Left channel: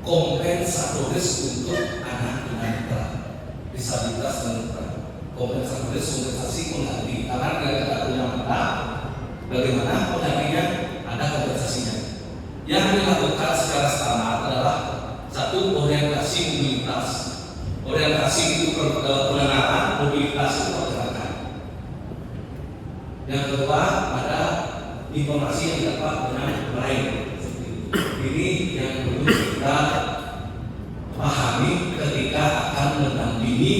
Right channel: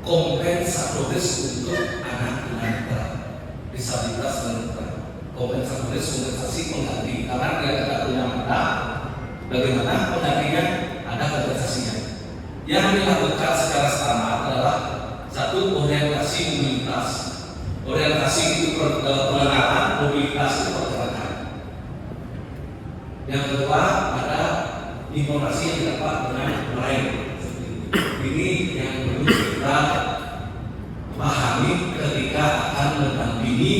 Kompensatoris untuk anak tunanetra disabilitas tunanetra, kompensasi pengganti karena dia tidak punya mata. Bagaimana penggantinya? Ada kompensasinya. Yang dilakukan secara standar adalah satu, orientasi mobilitas. Orientasi itu pengenalan, mobilitas itu pergerakan. Yang kedua, ada informasi yang dapat dengan lain. Ini yang perlu kita pahami ketika akan mendampingi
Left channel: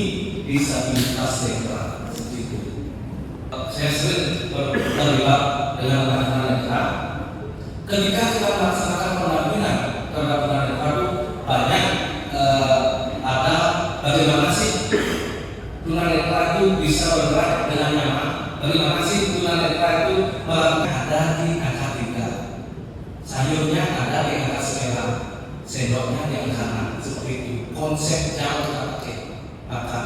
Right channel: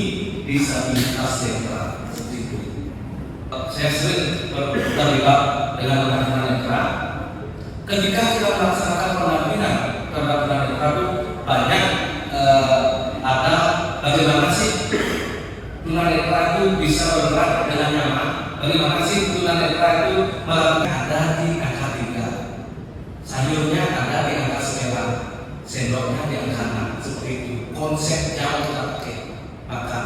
disabilitas netra. Seperti itu. Saya sering terlibat dengan tunanetra. Ketika kita melaksanakan pendampingan terhadap tunanetra itu banyak ada bagaimana sih tunanetra itu bisa bergerak dengan nyaman, bagaimana sih tunanetra itu melakukan ada di angka 3, sayurnya ada di angka 9, sendoknya di angka 6, seperti itu konsepnya kita pakai. Maka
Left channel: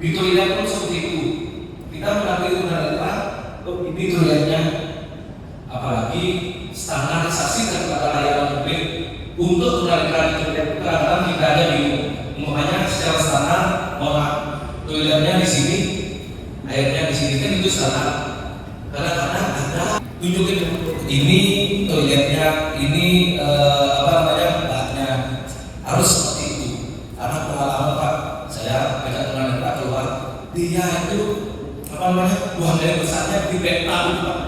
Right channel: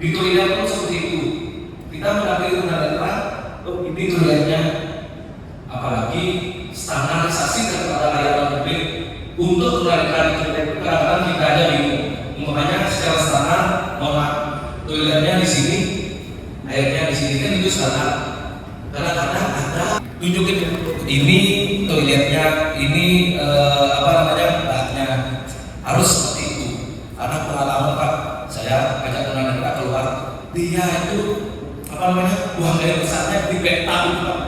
di kuliah pun seperti itu, kita mendampingi tunanetra, ini kuliahnya apalagi standarisasi daripada layanan publik untuk tunanetra itu kadang-kadang tidak ada bingung. Makanya secara standar, toiletnya di sini, airnya di sini kan itu standar. Kadang-kadang ada tunjukin ini toiletnya, ini bahannya harus seperti itu. Karena pengalaman Pak, saya ajak tunanetra keluar, dia itu buang air besarnya di betal Pak.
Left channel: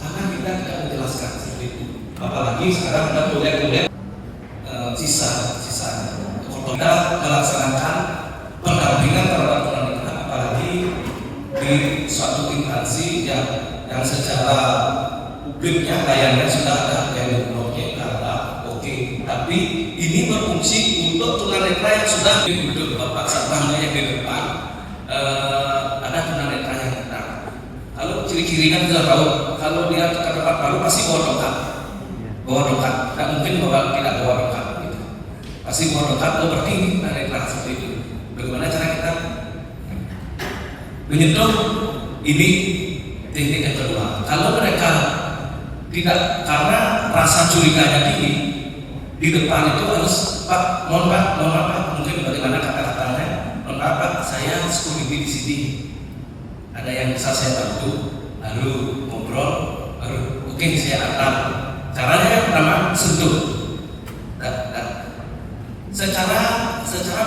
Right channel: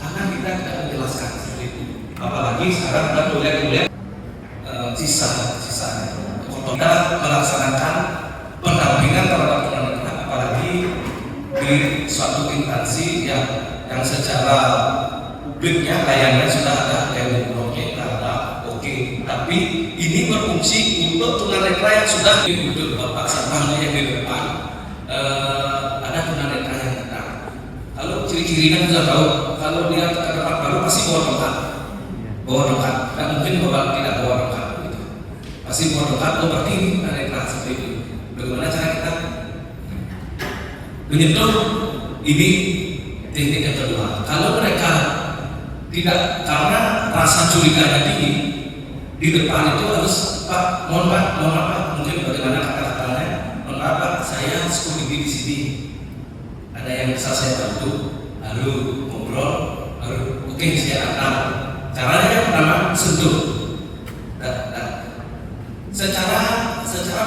Karena kita tidak menjelaskan seperti itu. Apalagi sekarang kita toilet sisa. Kita melaksanakan pendampingan terhadap tunanetra, apalagi di suatu instansi yang secara publiknya layanannya sudah ada yang oke, tapi ini berfungsi untuk tunanetra yang sudah duduk bapak sampahnya di depan. Ada tunanetra yang benar. Kalau ciri-cirinya sudah tahu, kalau dia ke tempat baru pasti bawa dokat, tidak mungkin tidak bawa dokat. Pasti bawa dokat, berarti ini tunanetra seperti itu. Bagaimana cara kita menyentuh? Ini teknik yang kedua. Kalau mereka tidak, karena rasa curiganya tinggi, di depan itu harus Pak, mohon Pak, mungkin bagaimana kata-katanya, mohon Pak, saya security di sini, ada yang bisa saya bantu, lalu ngobrol, lalu oke, saya akan. Caranya yang pertama sentuh. Secara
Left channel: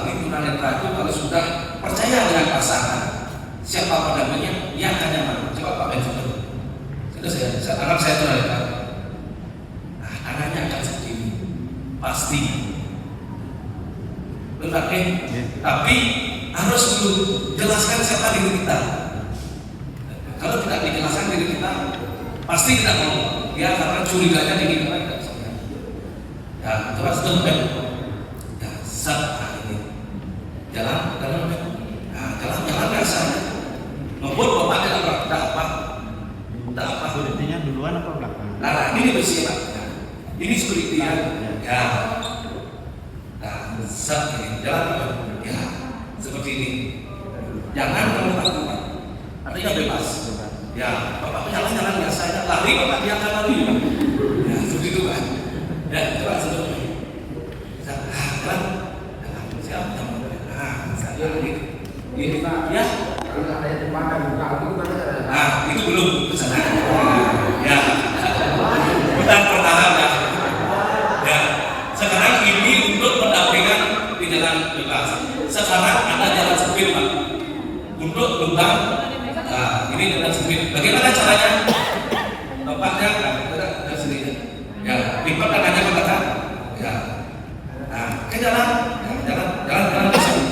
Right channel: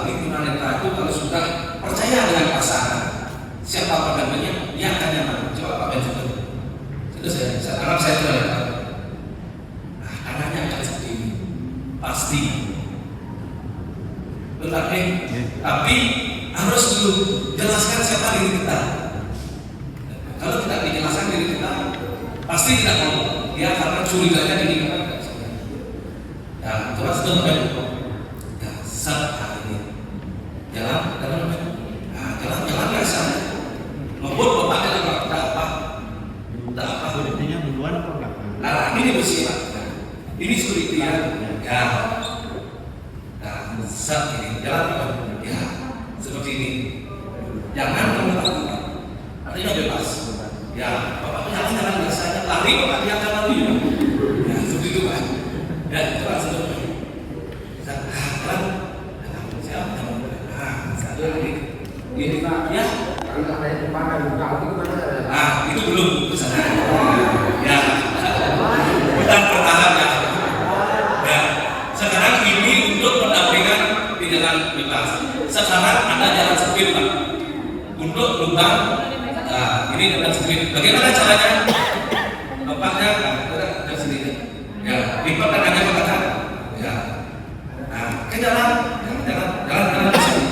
murni tunanetra itu kalau sudah percaya dengan pasangan, siapa pendampingnya, dia akan nyaman. Coba Pak Ben contoh. Itu saya harap saya tunanetra. Nah, tangannya akan seperti ini, pasti. Tapi harus dulu jelaskan siapa diri kita. Kalau tidak dijelaskan diri kita, pasti tidak mau. Dia akan curiganya tinggi. Ya, terus teman-teman. Ya, saat ini jalan biasa. Maupun bapaknya apa? Security-nya duluan atau belakang? Nah, ini bersih Pak. Ini security ya. Nah, saat ini jalan ya seperti ini. Jangan takut. Artinya bebas. Ya, bapak jalan biasa aja. Lari bapak dia akan lari. Ya, seperti itu Pak. Dan coba seperti ini. Ini Pak, ya. Nah, itu belum sebenarnya. Ya, kita pertahan ya. Ya, sekarang ini untuk pendampingan di jalan bebas. Sekarang ada jalan sempit Pak. Untuk lubang, ini jalan sempit. Bagaimana caranya? Bapaknya ke sini. Ya, lipat tangannya ke belakang. Ya. Nah, ke jalan ke sini.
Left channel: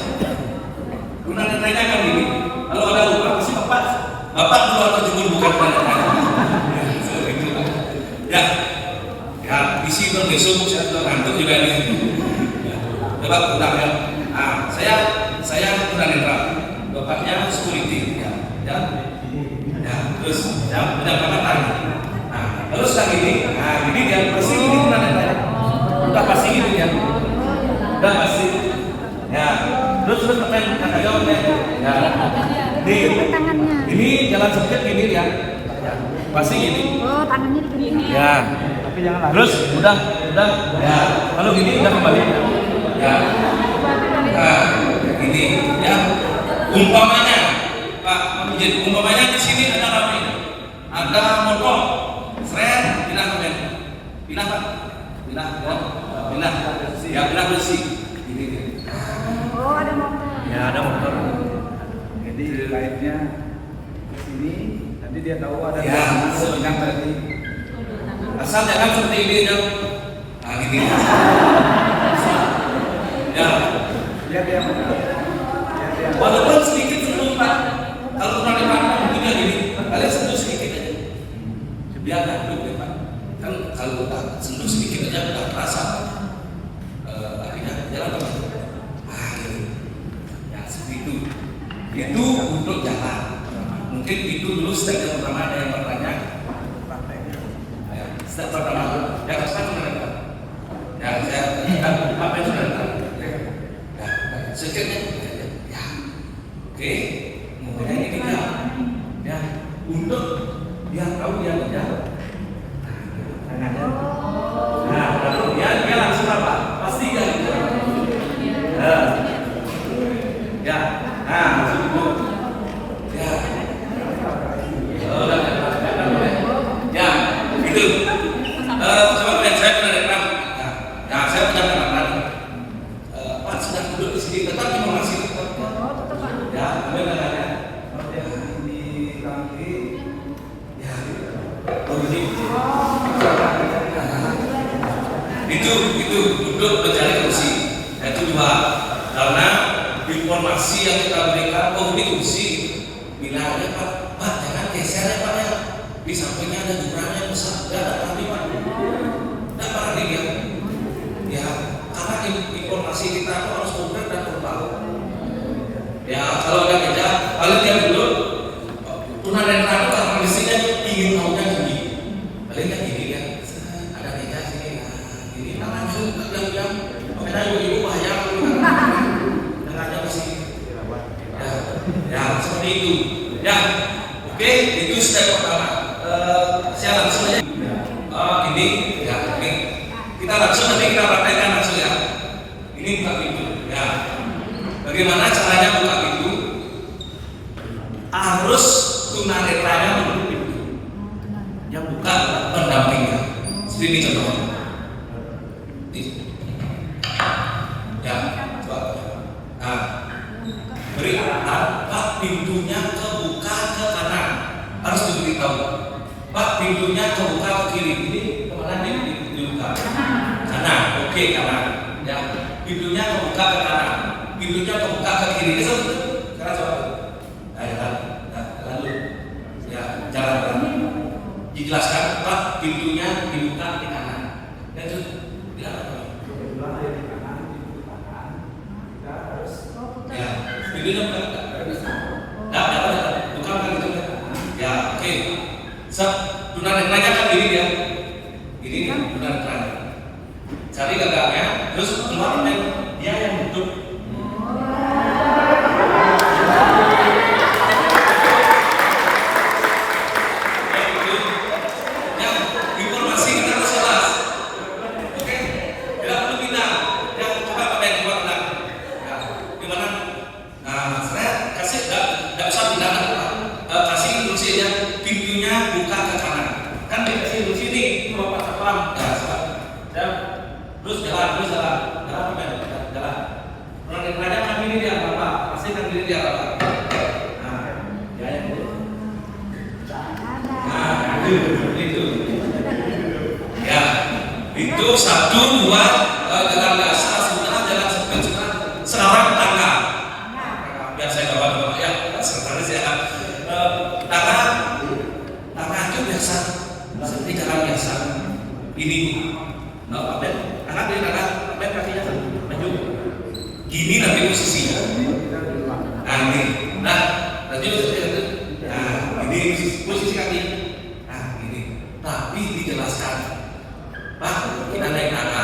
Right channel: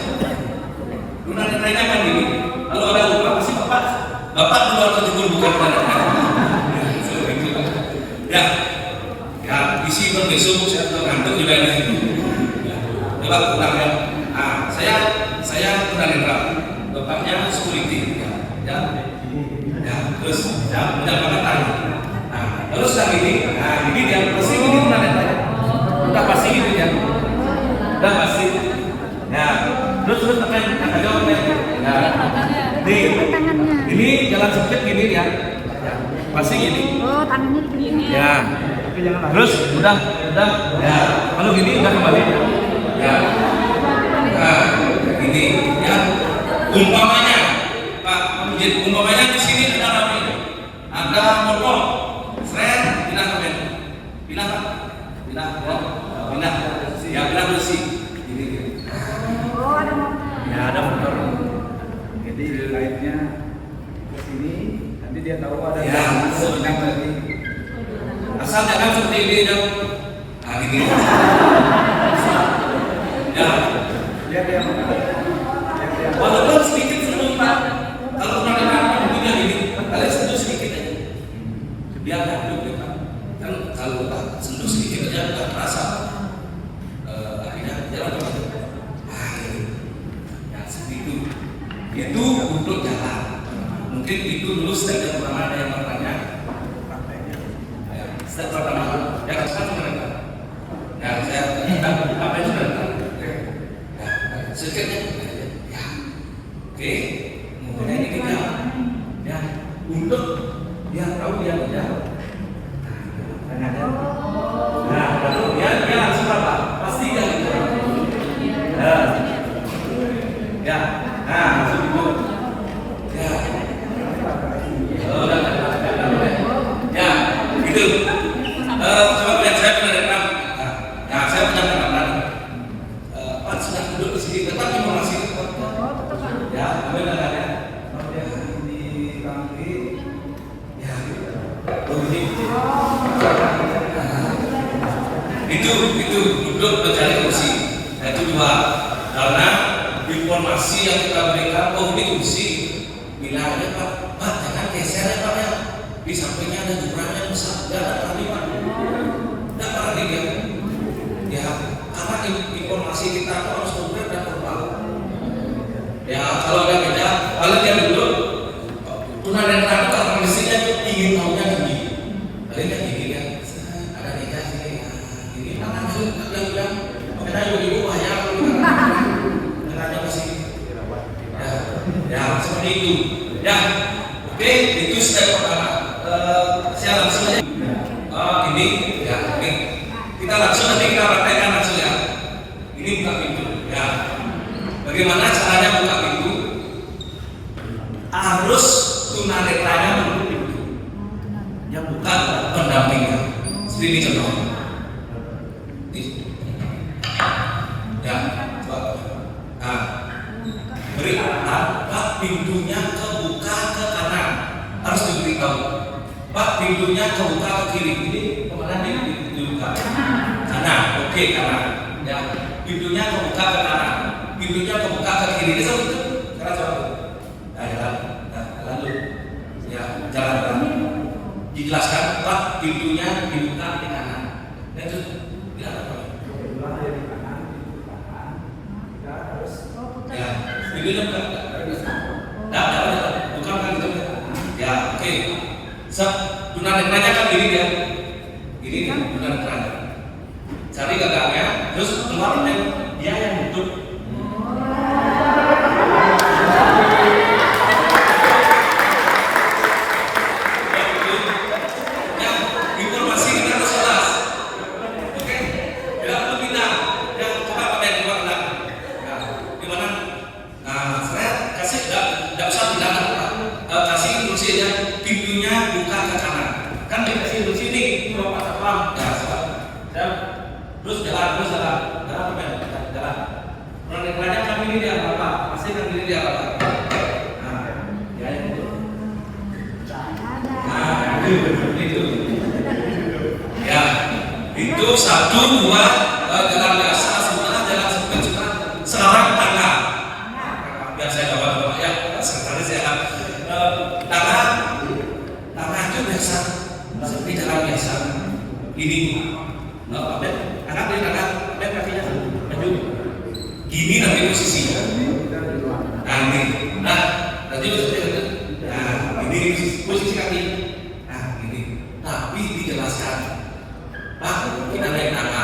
Tunanetranya kan gini. Kalau ada lubang pasti bapak keluar terjun bukan tunanetra. Ya, isi berbesok saya tergantung juga di situ. Bapak tunangan. Nah, saya tunanetra. Bapaknya security. Ya, terus menjaga tangan. Nah, terus yang ini, ini dia pasti ini tunanetranya. Udah pasti gitu ya. Udah pasti. Ya, terus pakai kata jawabnya. Ya, ini jalan sempit gini ya. Pasti gini. Oh, tangannya begini. Ya, tapi Tapi jangan harus, udah. Ya. Kalau gini udah kembali. Ya. Nah, ini ya. Umpamanya, Pak, jadi umpamanya di sini ada kami, ada motor, saya pindah ke band, pindah, ya pindah bersih. Ya ada motor. Jadi lainnya ke sini, nanti dia tahu ada Ya, yang tadi. asal jangan seperti ini dong. Nah, gini. Ya. Lihat dia. Walaupun sedikit sentuh Pak, kalau kami punya ini, kalian sentuh sedikit aja, biar dulu ya Pak. Kan kalau sentuh sedikit aja udah terasa, akhirnya jalan Pak. Ya seperti itu. Itu untuk jalan. Mungkin itu dulu step yang pertama ada yang bertanya. Ya, step pertama, ya sekarang sudah. Ya saya tidak apa itu sudah. Ya, sedikitnya. Oke, mungkin ini dia, ya, untuk biar tahu dia kerja. Nah, lalu dia langsung apa? Pastikan itu. Ya, nah, langsung ya, ya, itu. Coba lihat saya pernah datang. Nah, saya pernah datang. Pak sudah duduk di sini, tetapi masih. Ya, itu duduk mencari kursi. Itu dua, karena informasi yang kita berikan, ini kursi, bilangnya Pak, jangan geser ya Pak ya. Di sampingnya ada jurangnya besar, jangan tadi Pak. Nah, karena dia, ya, karena informasi kita harus konkret dan tepat. Ya, kalau nggak beda, kalau dia dulu pernah ada tangkap mestinya ingin tahunya gini, paling nggak gini kan, ada beda gini, ini anak itu kadang bilang, karena ibu bahaya, karena masih, ya seperti itu, ya, oke, itu step pertama. Saya langsung aja, ini, ya, ini kita langsung nanti kita praktekkan langsung ya, ini buka pintu, ya. Bagaimana caranya buka pintu? Harus tunanetranya menutup pintu. Yang bukan pendampingnya. Seperti ini contohnya. Ya, coba. Nah, beri Pak pintunya kebuka ke kanan. Harus diberitahu. Pak pintunya kebuka ke kiri. Ini kemana dibuka? Kanan. Oke, kanan. Ya, pintunya kebuka ke kanan. Pintunya kebuka ke kiri, itu karena coba, lalu ya jalan dijelaskan Pak pintunya dibuka di kanan, itu tidak apa, ya pintunya buka, buka pintu, ya oke, tunanetranya kan ini ya, ini tunanetranya, cari gagangnya, terus keluar dia yang duduk. Pintunya buka ke kanan, kan di sini cuma patah pelan, terus jalan. Kadang-kadang kami ini dia apa? Pasti kan diri dia apa? Nah, itu. Ya, itu 1, 2 jalan dasar, sebenarnya jalan sebenarnya sekarang tangga. Biar saya jawab ya, sebenarnya saya tangga agak biasa, seperti jalan biasa. Ini, anak ini kakinya maju. Gini nanti posisinya. Nanti, ini posisi kaki. Nah, ini. Tapi dijelaskan, Pak, kita naik tangga.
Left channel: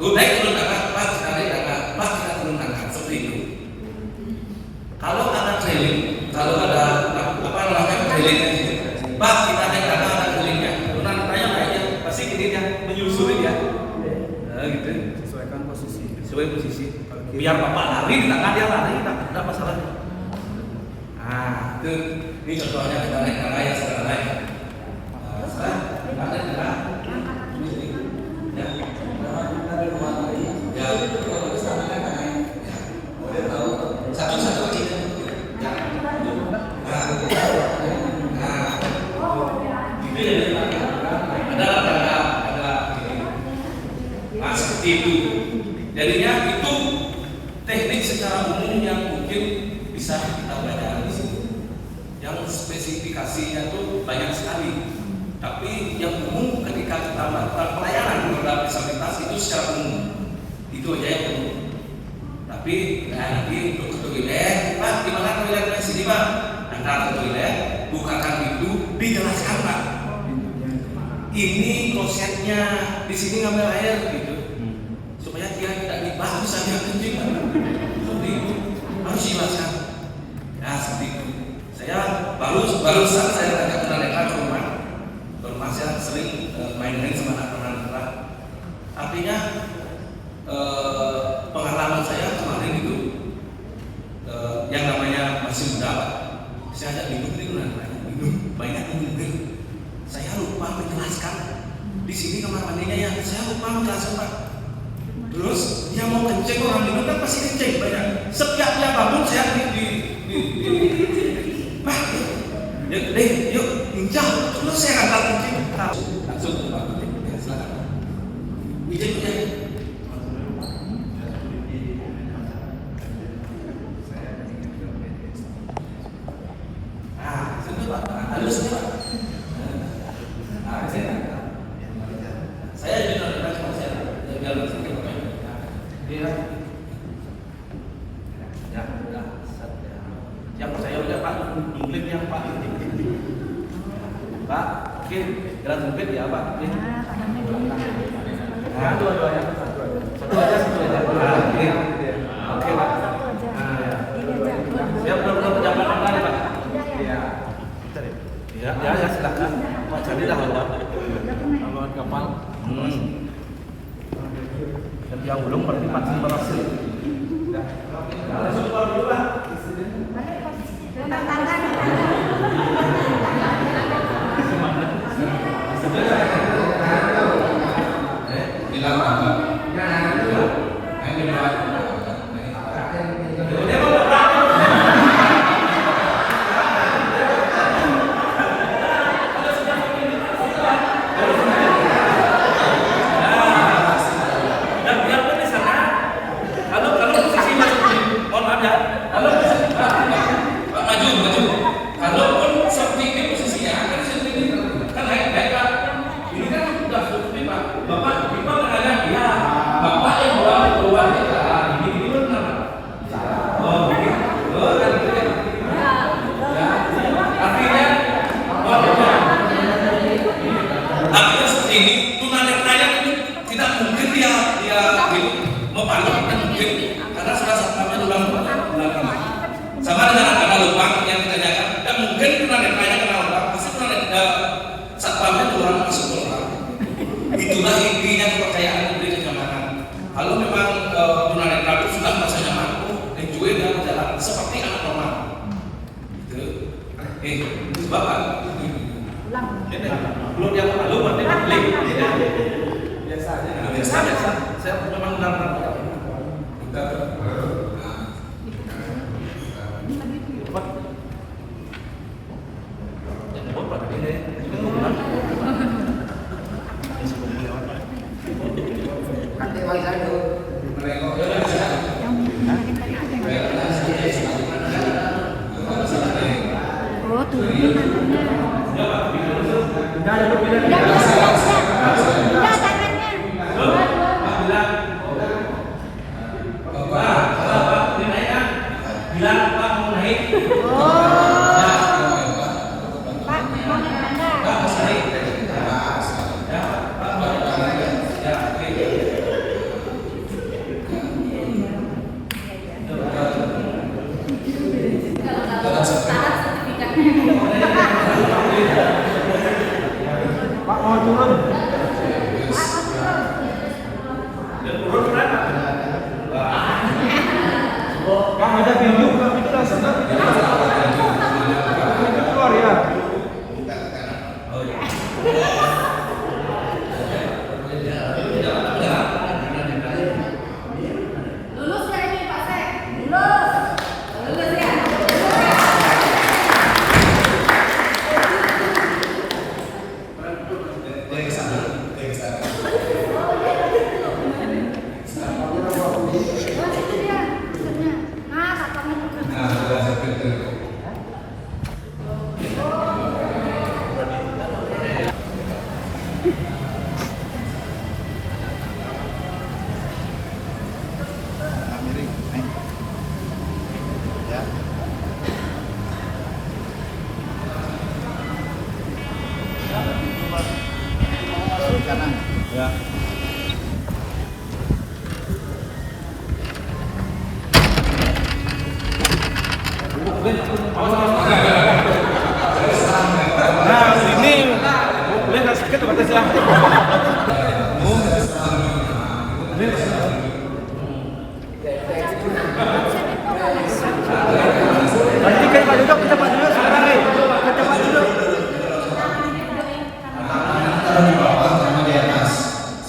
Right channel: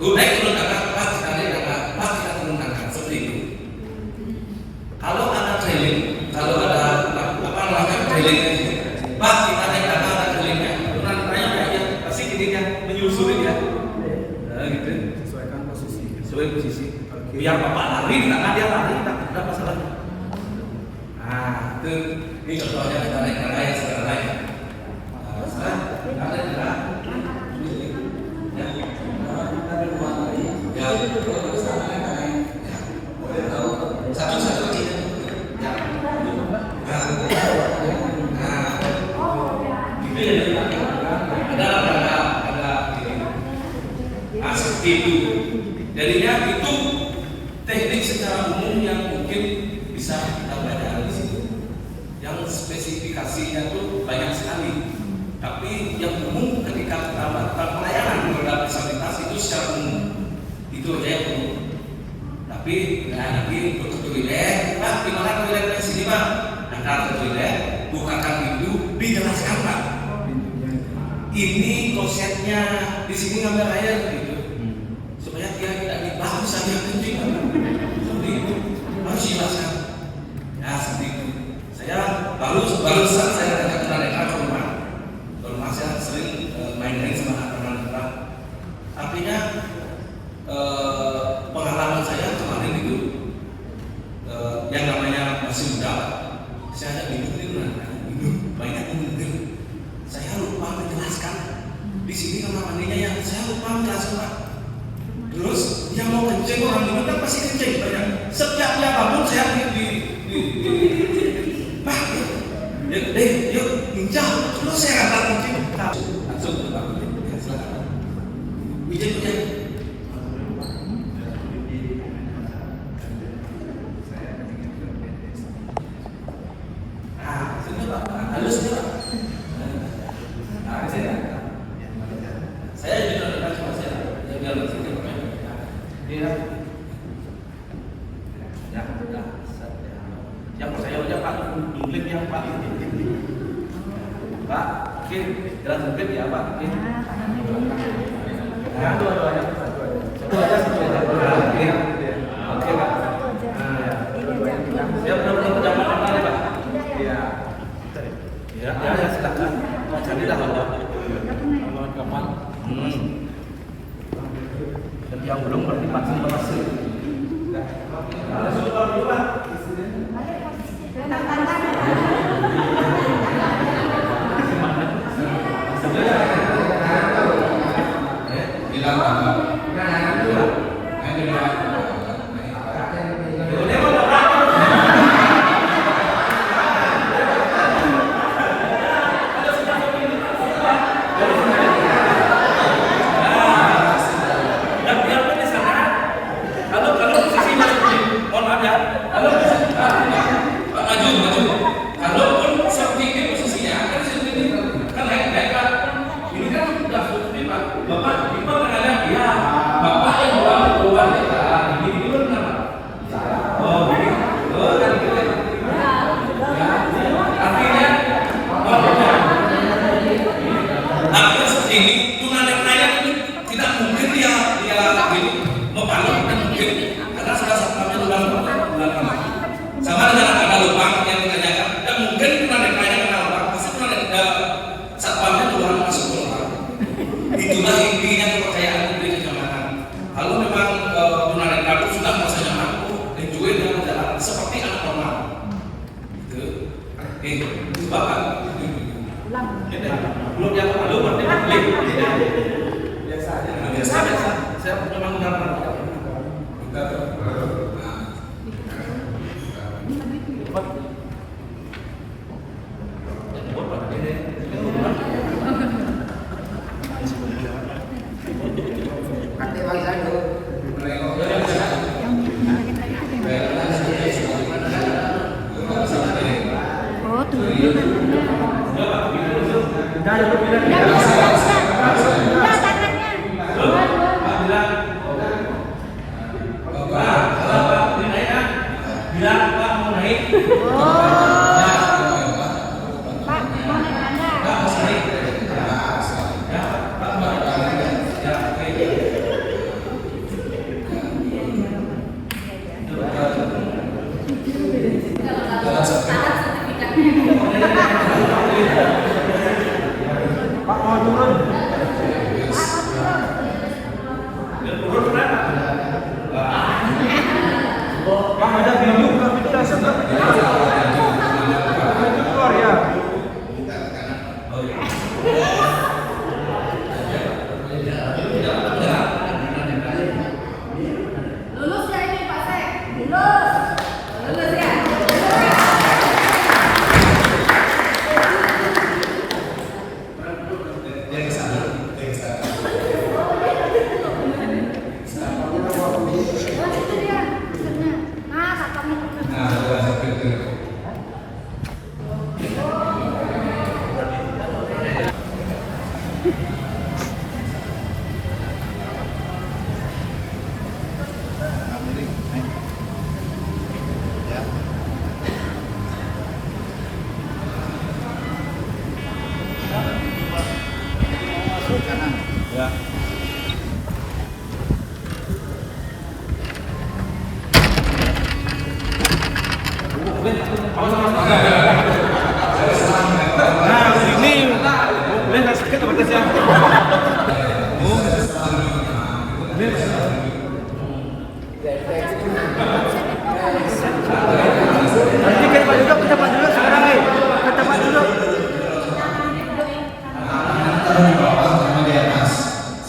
Naik turun tangga, Pak, kita naik tangga. Pak, kita turun tangga. Seperti itu. Kalau ada trailing, kalau ada apa namanya trailing, Pak, kita naik tangga ada trailingnya. Pernah tanya aja, pasti gini menyusuri ya. Nah, gitu. Sesuai posisi. Biar bapak lari, tangan dia lari, tidak masalah. Nah, itu ini contohnya kita naik tangga yang sedang naik. Sekarang ada tangga. Itu jadinya itu teknik secara umum yang mungkin bisa kita pelajari di sini. Yang spesifikasinya itu banyak sekali. Tapi yang umum ketika kita melakukan pelayanan dalam disabilitas itu secara umum itu aja yang umum. Tapi nanti untuk ke toilet, Pak, di mana toiletnya sini Pak? Angkat ke toilet, bukakan itu, dijelaskan Pak. Ini konsepnya di sini ngambil air gitu. Supaya dia tidak dibahas bisa dia kencing. Seperti itu harus dijelaskan. Nah seperti itu. Saya baru saat saya ada mereka orang saya sering main-main sama anak-anak. Artinya pengalaman saya kemarin itu yang namanya masih muda. Saya ada bingung banyak mungkin. Saya lupa menjelaskan. Di sini kamar mandinya yang saya lupa menjelaskan Pak. Terus yang mau kencing orang di kan pasti kencing banyak. Setiap dia bangun saya Pak, yuk pinjam. Terus saya angkat kencing. Langsung Wijaya. Sudah Pak, halus Pak. Saya juga bilang sama saya, biar bersih Pak. Yang saya udah Pak, Inggris yang Pak. Pak, oke, jalan mungkin ya Pak. Ya, dua-duanya. Satu aja. Oke Pak. Siap benar-benar zaman kembali Pak. Ya, silakan. Pak Candi dah lawan kapal. Yang belum berarti masih berhasil. Sama dengan ada lubang yang ditanyakan, dan mungkin narik banyak orang, pasti satpamnya Tuhan masuk orang. Itulah intinya kepercayaan publik di Jakarta. Kalau memang narik bagus sudah merasa nyaman, enjoy dalam perjalanan seperti anak normal. Itu bahkan belum yang lalu berarti klik. Biasa. Saya memang benar-benar.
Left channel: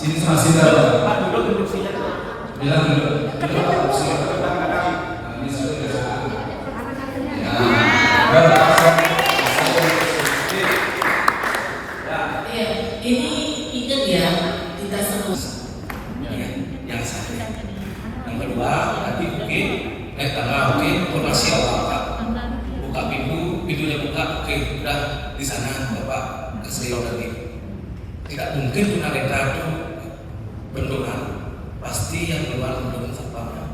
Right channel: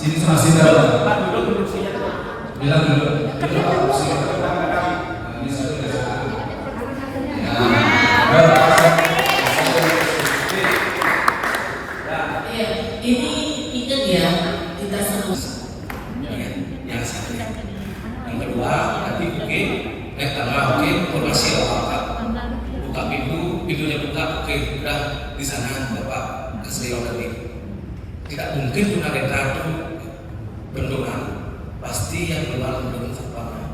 Sini sama sini. Bilang dulu. Yang satu. Yang kedua, nanti mungkin informasi apa? Buka pintunya buka, udah di sana Bapak keseriau lagi. Tidak mungkin kita reka itu benturan, pasti yang berlalu dengan satpamnya.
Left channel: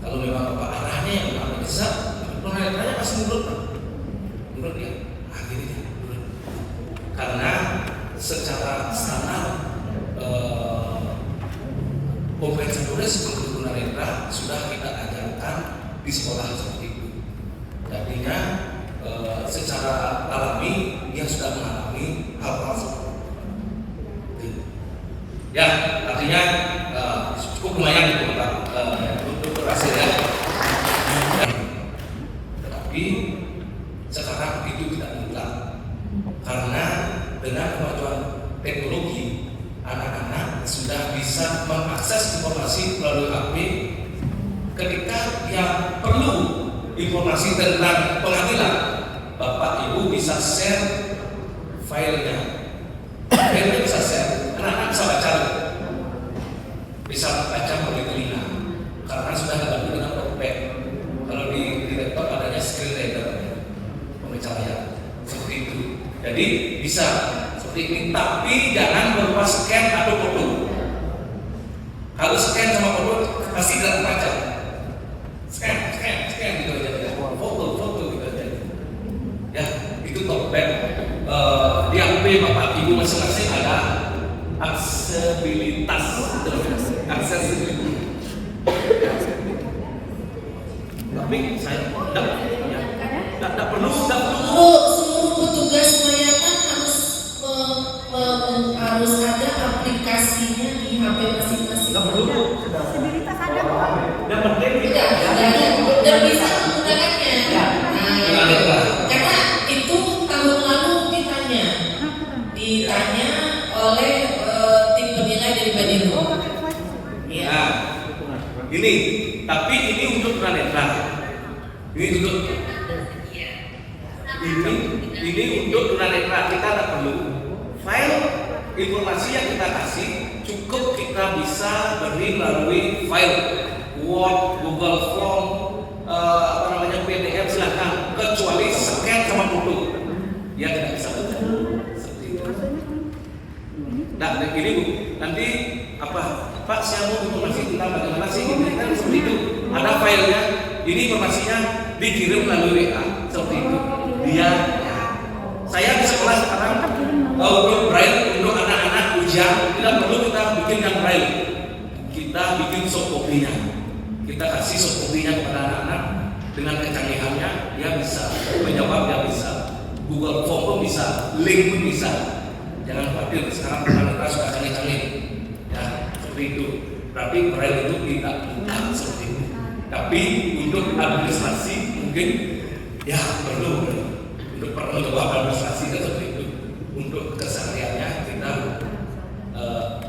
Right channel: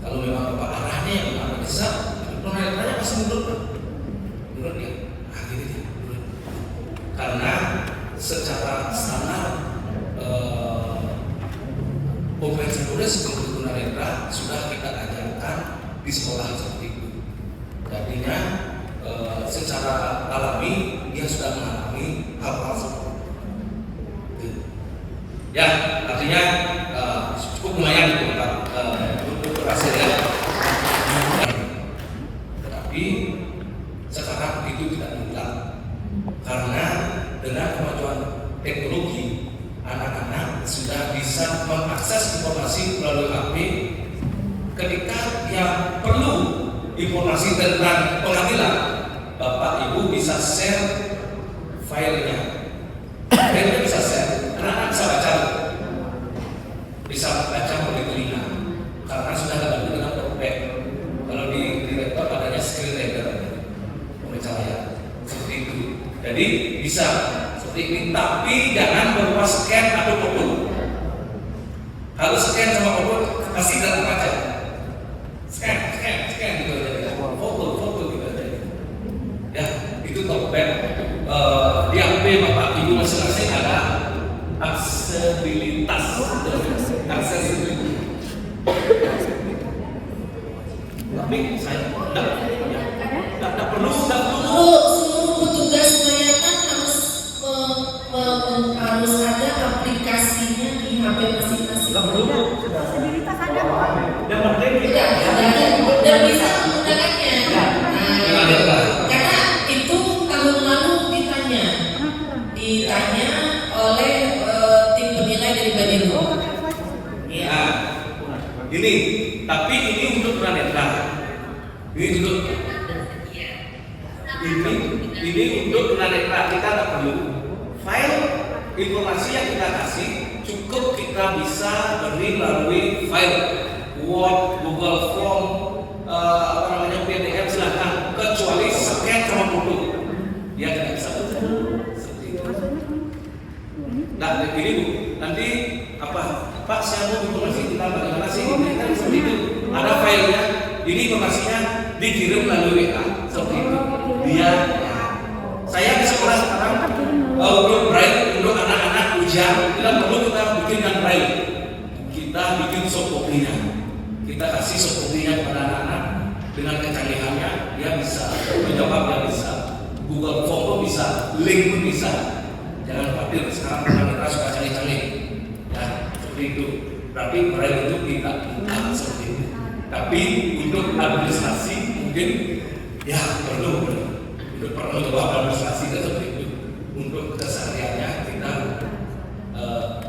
Kalau memang Bapak arahnya yang Bapak besar, penelitiannya pasti menurut ya, akhirnya menurut. Karena secara standar kompetensi tulis seperti tunanetra sudah kita ajarkan di sekolah seperti itu. Artinya secara alami dia sudah mengalami hal tersebut. Ya, artinya cukup lumayan untuk berhasil ya. Tetapi sekarang itu tidak mudah karena dengan kemajuan teknologi anak-anak sudah bisa mengakses informasi melalui HP. Ketika yang perlu informasi tentang pengadilan, Bapak Ibu bisa share filenya. Filenya bisa share, anak-anak bisa baca, bisa baca melalui telinga, karena sudah dibantu dengan talkback. Kalau di laptop adanya screen reader, pembaca layar, seperti itu. Jadi bisa seperti ini, tapi jangan berupa scan atau foto. Harus scan sama foto, pasti tidak terbaca. Scan gitu aja, foto gitu aja. Ya, itu talkback. Di HP Bapak Ibu masing-masing ada aksesibilitas. Tapi saya tidak perlu. Seluruh petugas semuanya kan harus ada aplikasinya di HP masing-masing. Tidak perlu. Dan bisa menggunakannya. Karena itu tahun lalu ditanya oleh tim penilai dari Badan. Ya. Ini, tapi ini untuk tunanetra. Ini untuk tunanetra, kita tidak perlu file informasi yang kita kasih, cukup kita bisa beri melalui file Word, Google Form, PDF, silahkan, kecuali scan sama foto yang tidak bisa seperti itu. Nah, begini Bu, nanti Pak saya mau informasi tentang bagaimana sih ini kan seperti itu. Ada filenya, ini informasinya dikirim melalui WA seperti itu. Saya di sekolah sekarang untuk braille untuk anak-anak ujian tidak perlu kita bikinkan braille, kita bikin soft copy-nya. Kita kasih soft copy-nya kepada anak-anak dengan kecanggihannya, dia bisa menjawab, dia bisa Google Form pun bisa, link pun bisa. Jangan khawatir, sekarang tunanetra sudah canggih-canggih. Ya, seperti itu. Berarti braille itu tidak bukan seperti itu. Tapi untuk administrasi mungkin ya perlu untuk administrasi seperti itu. Untuk kesehariannya kita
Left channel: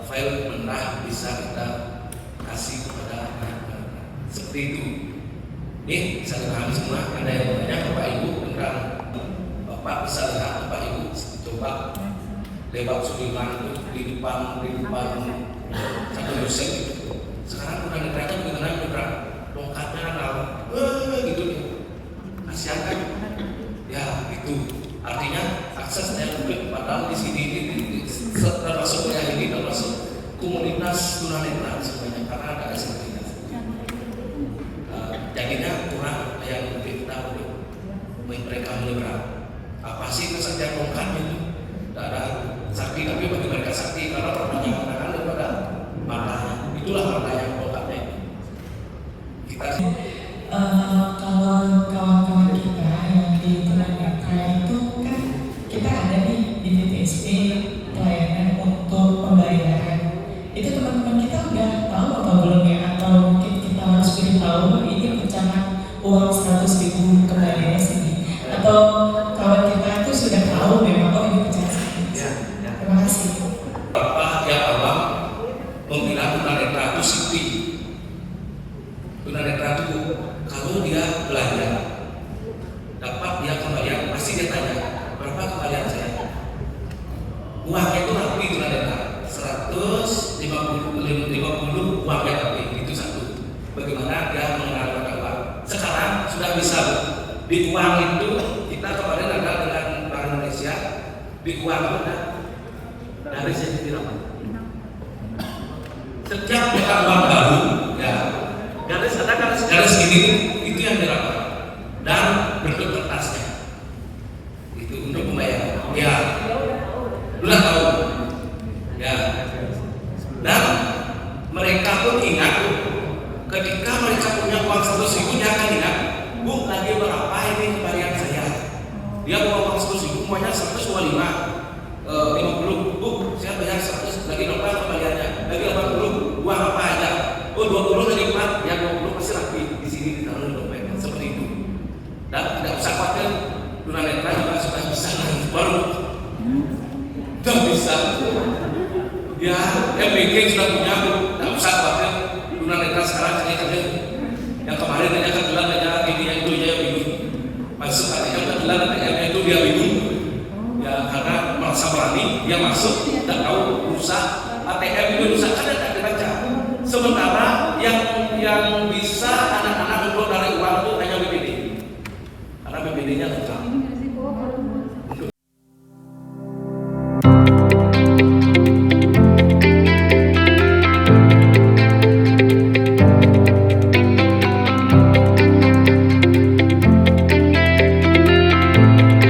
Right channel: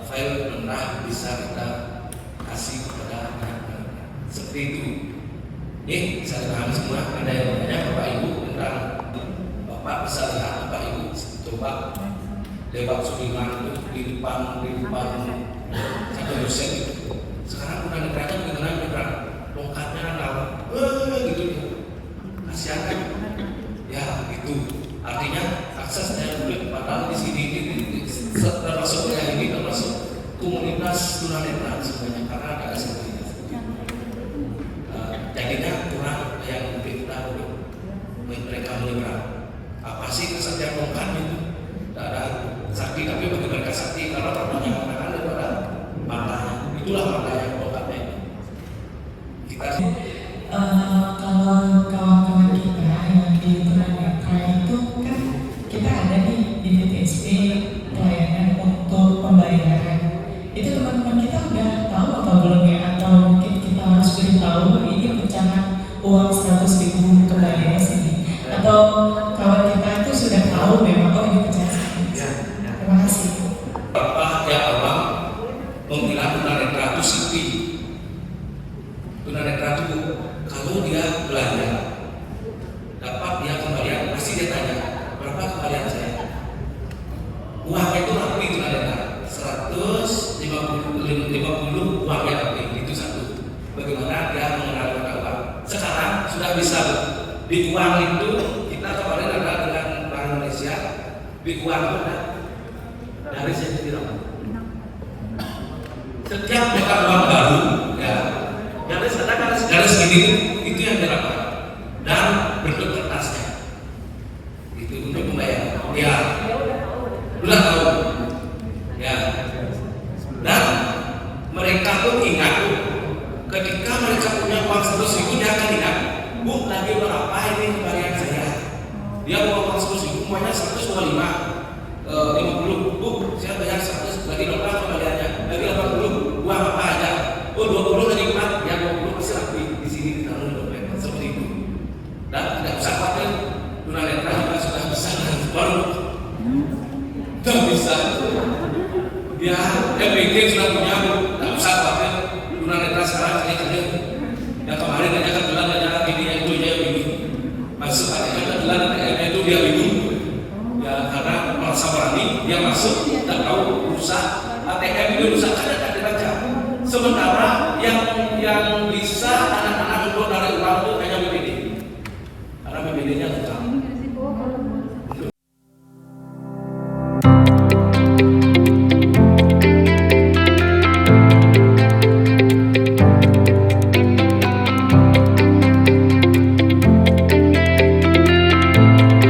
file mentah bisa kita kasih kepada mereka seperti itu. Ini saya paham semua. Ada yang bertanya Bapak Ibu tentang Bapak bisa lihat Bapak Ibu coba lewat Sudirman itu di depan ada dosen. Sekarang bukan mereka mengenai bukan bongkarnya nawa gitu kasihan kan ya itu artinya aksesnya lebih padahal di sini ini termasuk yang ini termasuk komunitas tunanetra sebenarnya karena ada seperti jadinya kurang yang lebih tahu mereka menyerang apa sih pesan yang bongkarnya itu tidak ada sakti tapi bagi mereka sakti karena problemnya membayar. Itu teman-teman kita udah tahu atau belum ya, atau mungkin kita masih lebih tahu ini rencana uang 100.000 kembali sih, atau kalau kita itu sudah tahu memang oh ini rencana saya. Terima kasih. Bapak tiap orang membilang tunanetra itu sipil. Tunanetra itu kalau dia belanja dapat dia kembalian, pasti dia tanya berapa kembalian saya. Uangnya itu rapi tunanetra 150 uangnya rapi, itu satu. Bagaimana dia mengelola uang? Sekarang sudah bisa di uang itu kita kemarin ada dengan Bank Indonesia di uang itu dari sisi apa? Setiap buka uang baru, ya, garis ini itu yang dilakukan dan bentuk kertasnya itu untuk membayar. Ya, sudah tahu. Ya, dan mereka pun ingat ketika mereka punya uang 100.000 dia akan ingat, bu tadi berapa ini kembalian saya? Dia bawa uang 100.000 semuanya 125. 50, bu, saya bayar 100 lagi berapa kembaliannya? Lagi 80, uang apa aja? Oh 20 dari empat, yang 20 masih lagi di sini di dalam dompet seperti itu. Dan tidak usah khawatir, tunanetra juga sudah bisa menjual, sudah bisa. Ya, yang bikin sudah punya, tidak usah khawatir. Tunanetra sekarang hanya saja yang kemarin hanya kan bilang ada ini yang itu dia ini. Masuk hati kan bilang yang itu dia ini. Ya karena merasa berani dia masuk, tidak tahu rusak ATM itu rusak